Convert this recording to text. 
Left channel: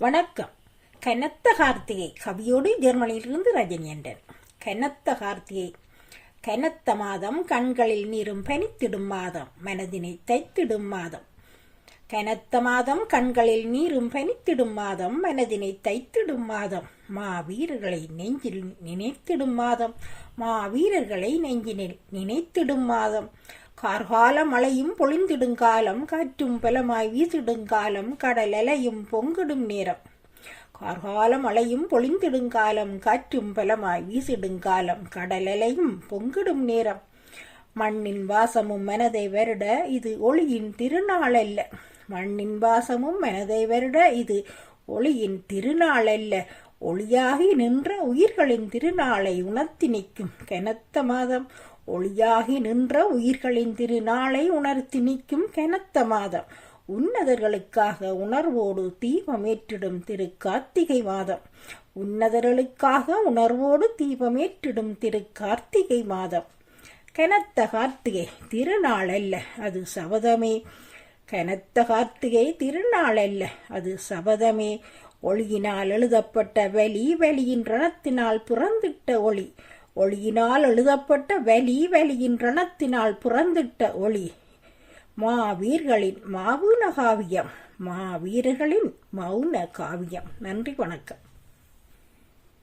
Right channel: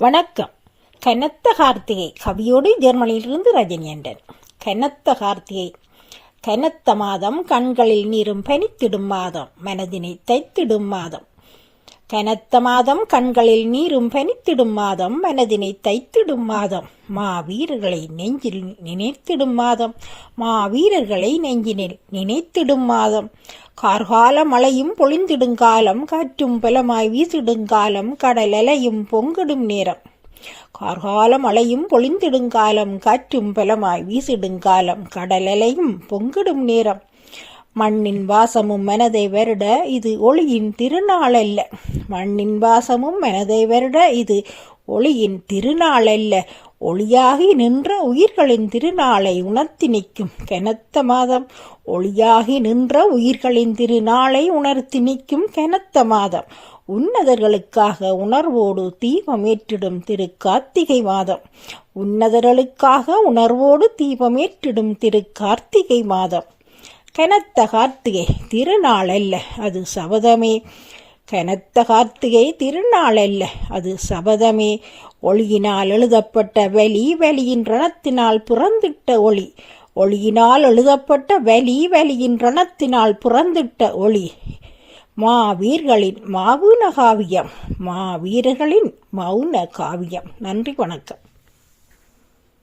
வணக்கம். கனத்த கார்த்திகை கவியோடு ஜெர்மனியிலிருந்து ரஜினியண்டன் கனத்த கார்த்திகை கனத்த மாதம் கண்களில் நீரும் பனித்திடும் மாதம் மனதினை தைத்திடும் மாதம். கனத்த மாதம் கண்களில் நீரும் பனித்திடும் மாதம் மனதினை தைத்திடும் மாதம். மா வீரர்களை நெஞ்சில் நினைத்திடும் மாதம் மா வீரர்களை நெஞ்சினில் நினைத்திடும் மாதம். கார்கால மழையும் பொழிந்திடுங்காலம் காற்றும் பலமாய் வீசிடுங்காலம் கடல் அலையும் பொங்கிடும் நேரம். கார்கால மழையும் பொழிந்திடுங்காலம் காற்றும் பலமாய் வீசிடுங்காலம் கடல் அலையும் பொங்கிடும் நேரம். மண்ணின் வாசமும் மனதை வருட இது ஒளியின் திருநாள் அல்ல மண்ணின் வாசமும் மனதை வருட இது ஒளியின் திருநாள் அல்ல ஒளியாகி நின்ற உயிர்களின் திருநாளை உணர்த்தி நிற்கும் கனத்த மாதம். ஒளியாகி நின்ற உயிர்களின் திருநாளை உணர்த்தி நிற்கும் கனத்த மாதம். உன்னதர்களுக்காக உணர்வோடு தீபமேற்றிடும் திரு கார்த்திகை மாதம். உன்னதர்களுக்காக உணர்வோடு தீபமேற்றிடும் திரு கார்த்திகை மாதம். கனத்த கார்த்திகை திருநாள் அல்ல அது சபதமே. கனத்த கார்த்திகை திருநாள் அல்ல அது சபதமே. ஒளியினால் எழுதப்பட்ட வலி வலியின் ரணத்தினால் புறந்திட்ட ஒளி. ஒளியினால் எழுதப்பட்ட வலி வலியின் ரணத்தினால் புறந்திட்ட ஒளி. மாவீர்களின் மாவுன காவியம் மாவீரர்களின் மௌன காவியம் நன்றி வணக்கம்.